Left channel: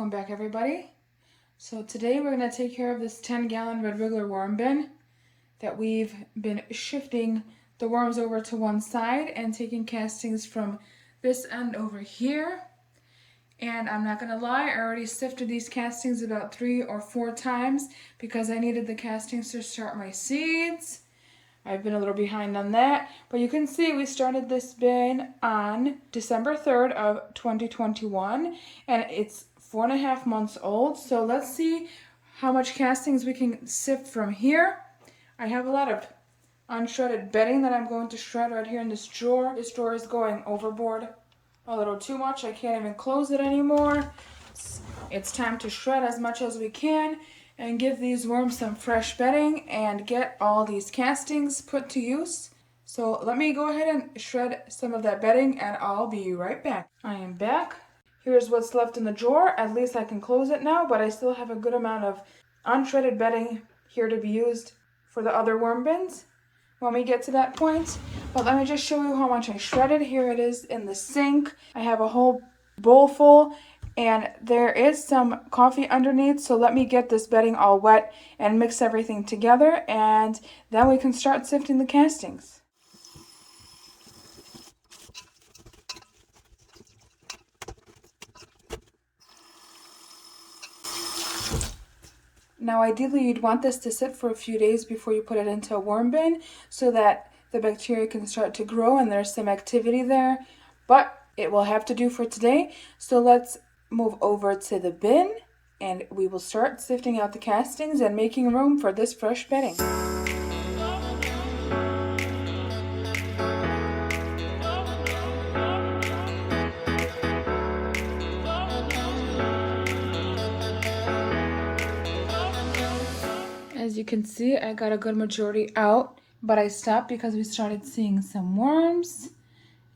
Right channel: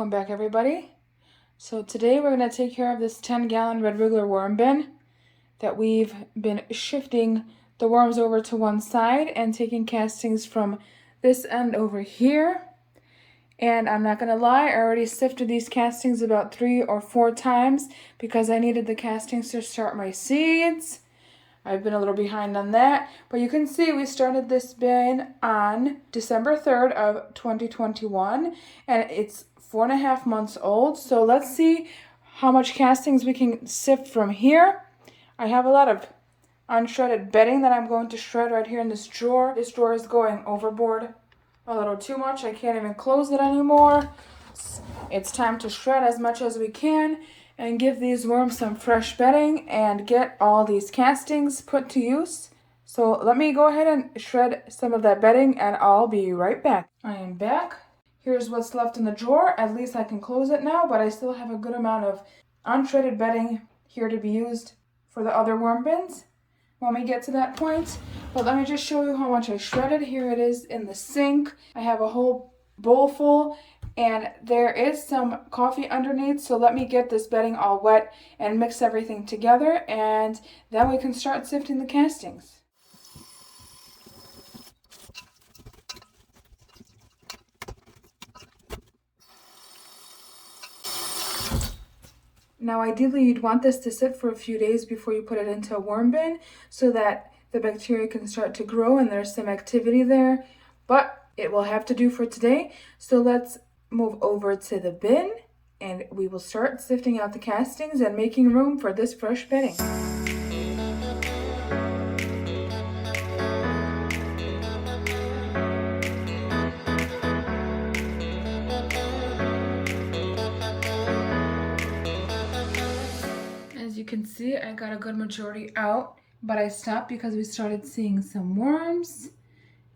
Welcome back, everybody. So today we're going to take care of this 10-gallon red wriggler worm bin that we've been shifting the worms over to one side and taking castings from this end over here. And I'm not going to lie, I already sifted these castings about 3 or 4 times because I needed the castings to start my seeds. I've been a little behind on that, but you can see we started this bin on December 3rd of 2021, and it's 4.5 months old. So let's see how much castings we can sift from here. I have a lot of unshredded bedding that I'm going to shred right here in this drawer. This drawer is going overboard a little too much. I can't even close it anymore. It's time to shred as much as we can and give these worms some fresh bedding and get all these castings put to use. So let me go ahead and shred some of that bedding and I'll be right back. I am back. Here's what's left in the drawer. At least I can close it now, but I still have a good amount of unshredded bedding here to be used for the other worm bins when we get to that point. But let me just show you how much I shredded. Here it is in the sink. I have a whole bowl full. And there is some coffee underneath, so let me get this bedding all wet and mix everything together, and then we can start sifting the castings. Now ideally you'd want this to sit for a few days before you put it into a worm bin so that the bacteria can start to grow and there's some activity there, but it will have to do for today. So let's move over to the bin and we will start sifting out the castings and making room for this fresh bedding. As you can see, I got a good majority out, but I stopped because we started seeing some worms,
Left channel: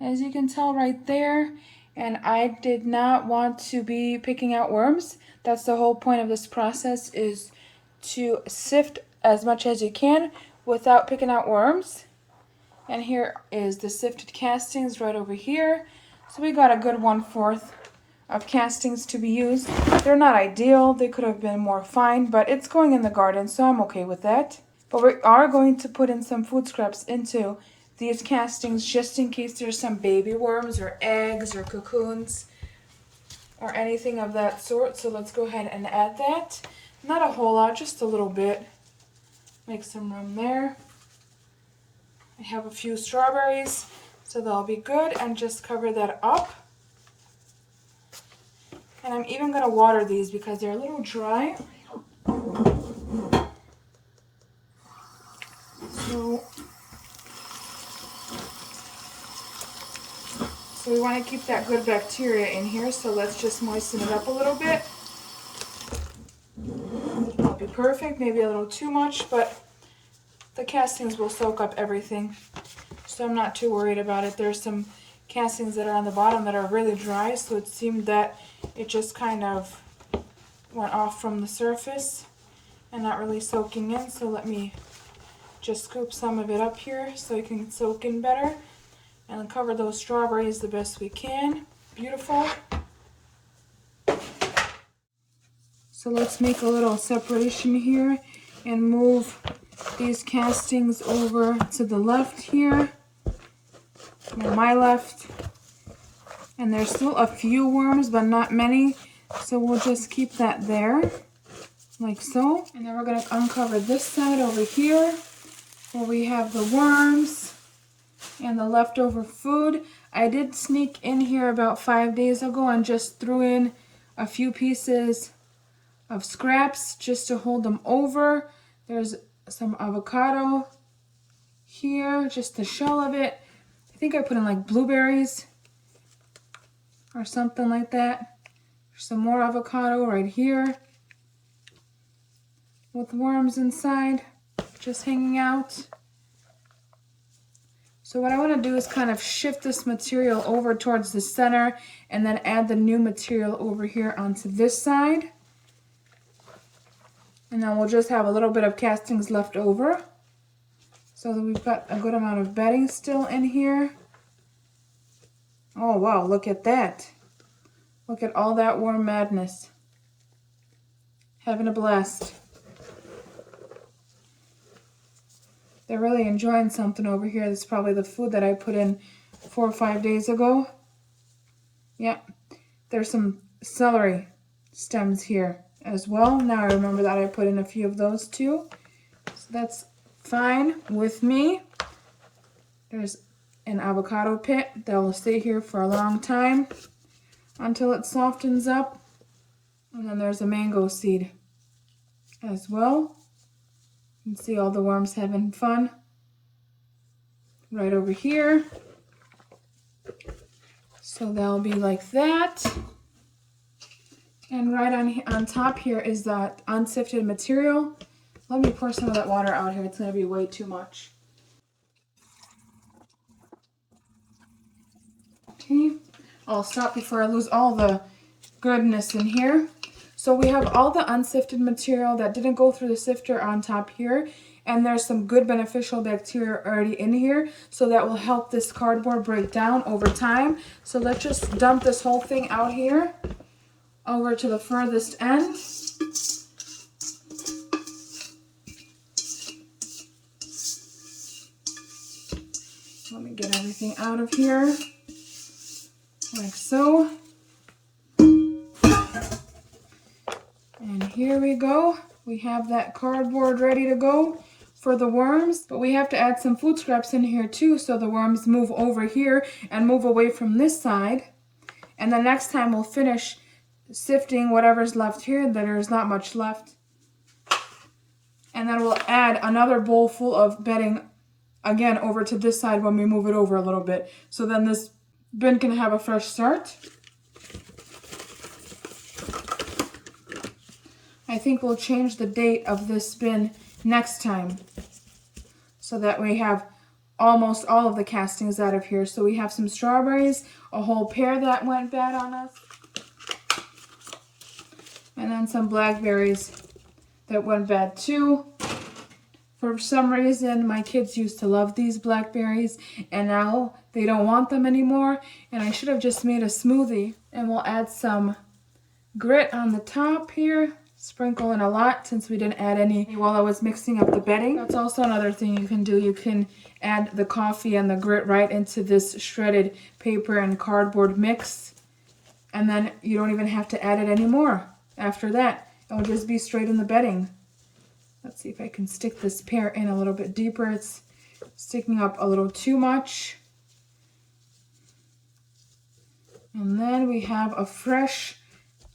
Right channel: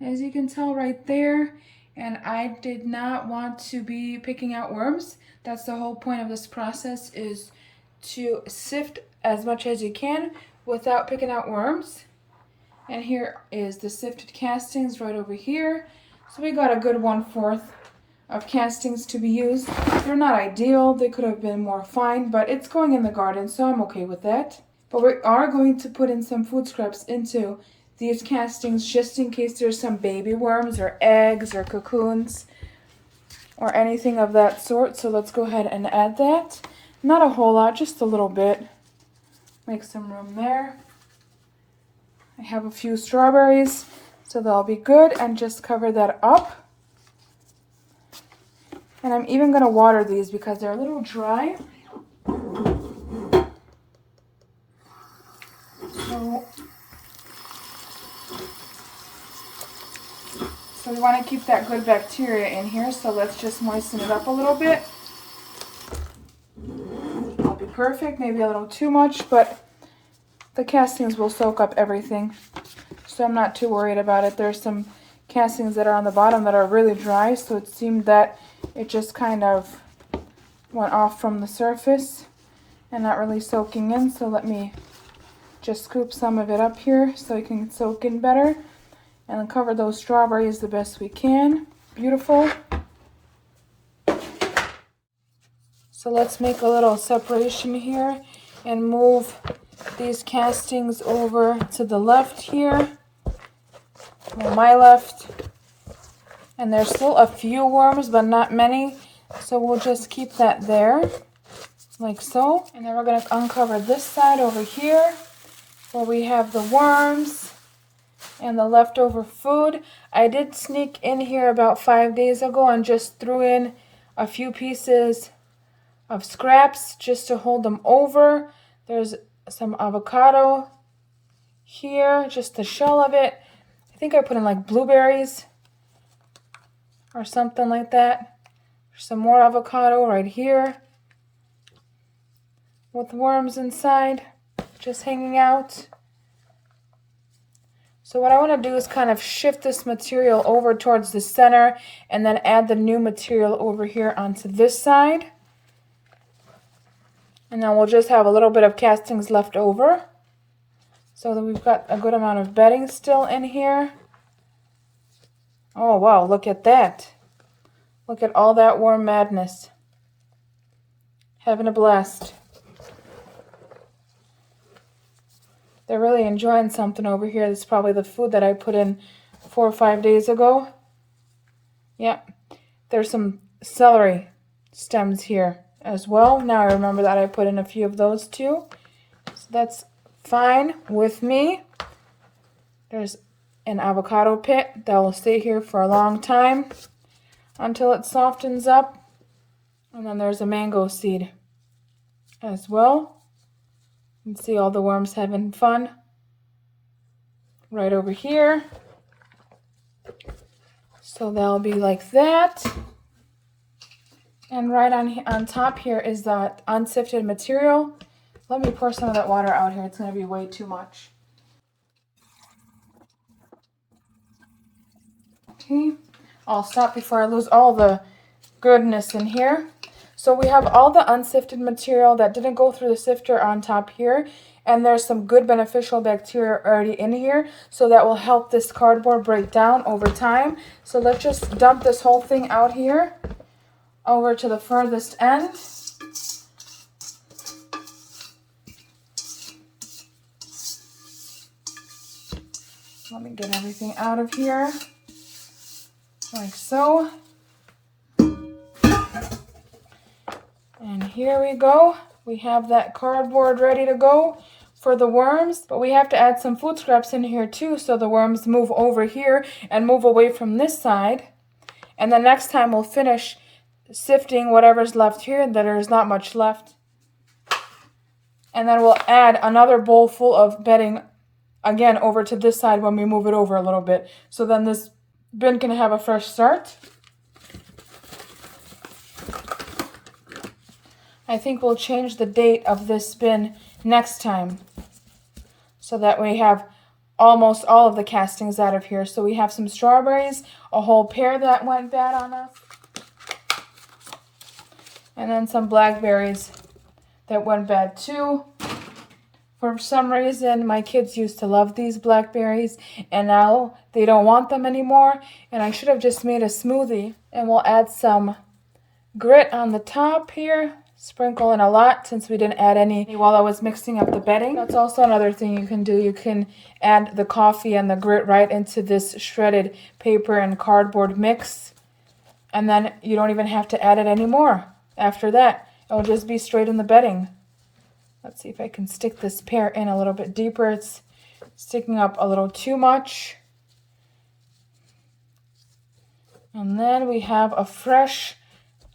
as you can tell right there. And I did not want to be picking out worms. That's the whole point of this process, is to sift as much as you can without picking out worms. And here is the sifted castings right over here. So we got a good 1/4 of castings to be used. They're not ideal. They could have been more fine, but it's going in the garden, so I'm okay with that. But we are going to put in some food scraps into these castings just in case there's some baby worms or eggs or cocoons or anything of that sort. So let's go ahead and add that. Not a whole lot, just a little bit. Make some room there. I have a few strawberries, so they'll be good, and just cover that up. And I'm even going to water these because they're a little dry. So we want to keep that good bacteria in here, so let's just moisten it up a little bit. That'll be perfect, maybe a little too much, but the castings will soak up everything. So I'm not too worried about it. There's some castings that are on the bottom that are really dry, so it seemed that it just kind of went off from the surface and not really soaking in. So let me just scoop some of it up here so it can soak in better. And cover those strawberries the best we can. Beautiful. So let's make a little separation here and move these castings over to the left here. My left. And there's still a few worms, but not many. So we'll just keep that there, like so. And then we're going to uncover this side over here where we have the worms and the leftover food. I did sneak in here about 5 days ago and just threw in a few pieces of scraps just to hold them over. There's some avocado here, just the shell of it. I think I put in like blueberries or something like that. There's some more avocado right here with worms inside just hanging out. So what I want to do is kind of shift this material over towards the center and then add the new material over here onto this side. And then we'll just have a little bit of castings left over. So that we've got a good amount of bedding still in here. Oh wow, look at that. Look at all that worm madness. having a blast. They're really enjoying something over here. This is probably the food that I put in 4 or 5 days ago. Yep. There's some celery stems here as well. Now I remember that I put in a few of those too. So that's fine with me. There's an avocado pit that will stay here for a long time until it softens up. And then there's a mango seed as well. You can see all the worms having fun right over here. So they'll be like that. And right on top here is that unsifted material. Let me pour some of that water out here. It's going to be way too much. Okay, I'll stop before I lose all the goodness in here. So we have all the unsifted material that didn't go through the sifter on top here. And there's some good beneficial bacteria already in here. So that will help this cardboard break down over time. So let's just dump this whole thing out here over to the furthest end. Let me get everything out of here, like so. And here we go. We have that cardboard ready to go for the worms, but we have to add some food scraps in here too so the worms move over here and move away from this side. And the next time we'll finish sifting whatever's left here. There's not much left. And then we'll add another bowl full of bedding again over to this side when we move it over a little bit. So then this bin can have a fresh start. I think we'll change the date of this bin next time so that we have almost all of the castings out of here. So we have some strawberries, a whole pear that went bad on us, and then some blackberries that went bad too. For some reason, my kids used to love these blackberries, and now they don't want them anymore. And I should have just made a smoothie. And we'll add some grit on the top here. Sprinkle in a lot since we didn't add any while I was mixing up the bedding. That's also another thing you can do. You can add the coffee and the grit right into this shredded paper and cardboard mix. And then you don't even have to add it anymore. After that, it will just be straight in the bedding. Let's see if I can stick this pear in a little bit deeper. It's sticking up a little too much. And then we have a fresh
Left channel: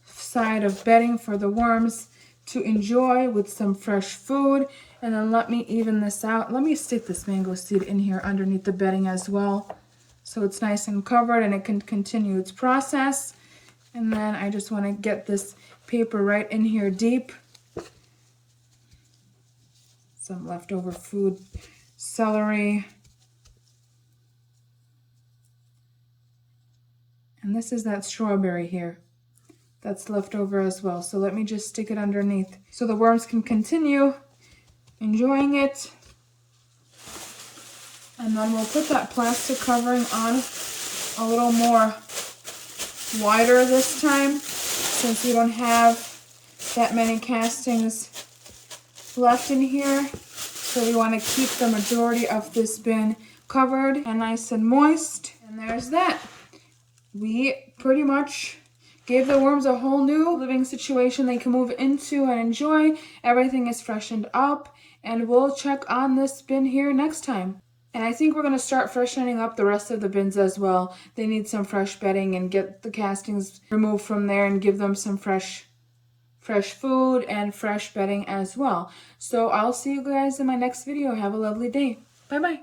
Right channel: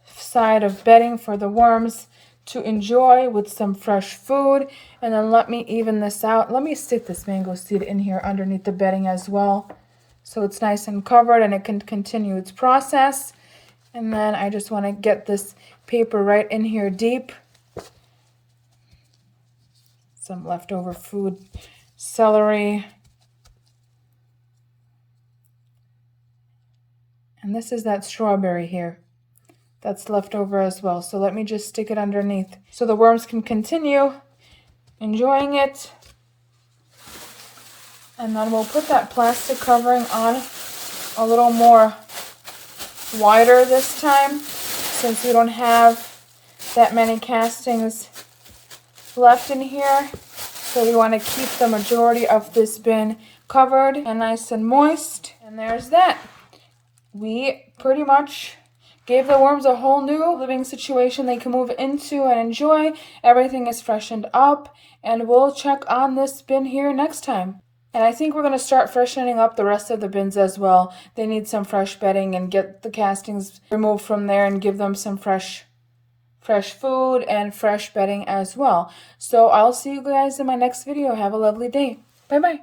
side of bedding for the worms to enjoy with some fresh food. And then let me even this out. Let me stick this mango seed in here underneath the bedding as well, so it's nice and covered and it can continue its process. And then I just want to get this paper right in here deep. Some leftover food, celery. And this is that strawberry here that's left over as well. So let me just stick it underneath so the worms can continue enjoying it. And then we'll put that plastic covering on a little more wider this time, since we don't have that many castings left in here. So we want to keep the majority of this bin covered and nice and moist. And there's that. We pretty much gave the worms a whole new living situation they can move into and enjoy. Everything is freshened up, and we'll check on this bin here next time. And I think we're going to start freshening up the rest of the bins as well. They need some fresh bedding, and get the castings removed from there and give them some fresh food and fresh bedding as well. So I'll see you guys in my next video. Have a lovely day. Bye bye.